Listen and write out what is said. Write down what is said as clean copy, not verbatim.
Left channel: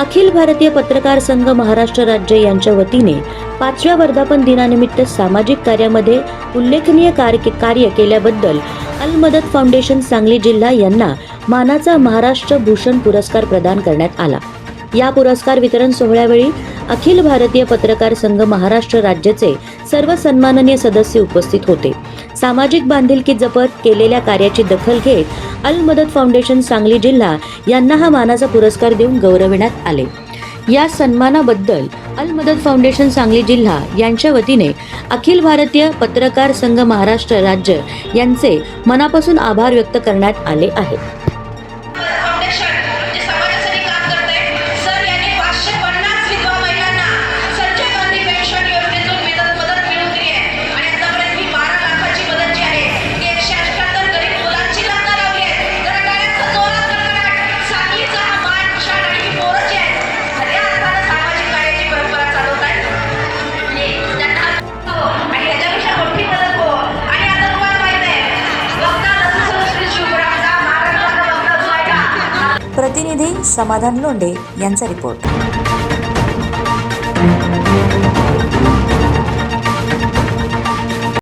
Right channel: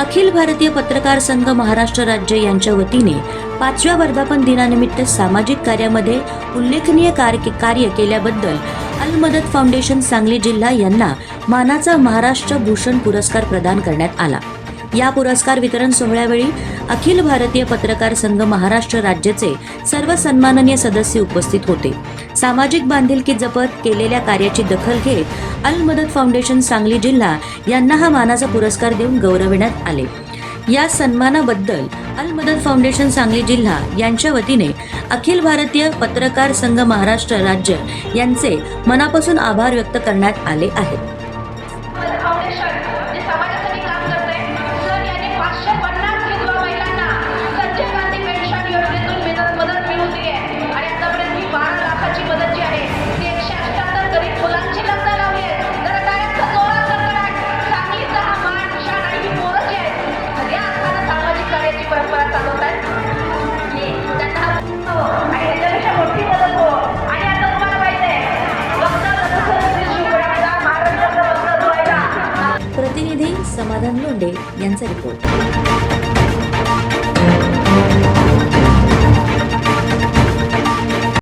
अखिल भारतीय पत्रकार संघ महाराष्ट्र राज्य यांच्या वतीने 5व्या वर्धापन दिनानिमित्त सामाजिक कार्यामध्ये उल्लेखनीय कार्य केल्याबद्दल अल मदत फाउंडेशन सांगली जिल्हा यांना मानाचा महाराष्ट्र भूषण पुरस्कार प्रदान करण्यात आला। या पुरस्कार वितरण सोहळ्यावेळी अखिल भारतीय पत्रकार संघ महाराष्ट्र राज्याचे सर्व सन्माननीय सदस्य उपस्थित होते। सामाजिक बांधिलकी जपत केलेल्या कार्याची दखल घेत अल मदत फाउंडेशन सांगली जिल्हा यांना हा मानाचा पुरस्कार देऊन गौरविण्यात आले। या सन्मानाबद्दल अल मदत फाउंडेशन सांगली जिल्हा यांच्या वतीने अखिल भारतीय पत्रकार संघ महाराष्ट्र राज्य यांचे मनापासून आभार व्यक्त करण्यात आले आहेत। प्रतिनिधी समाधान लोंढे यांचा रिपोर्ट।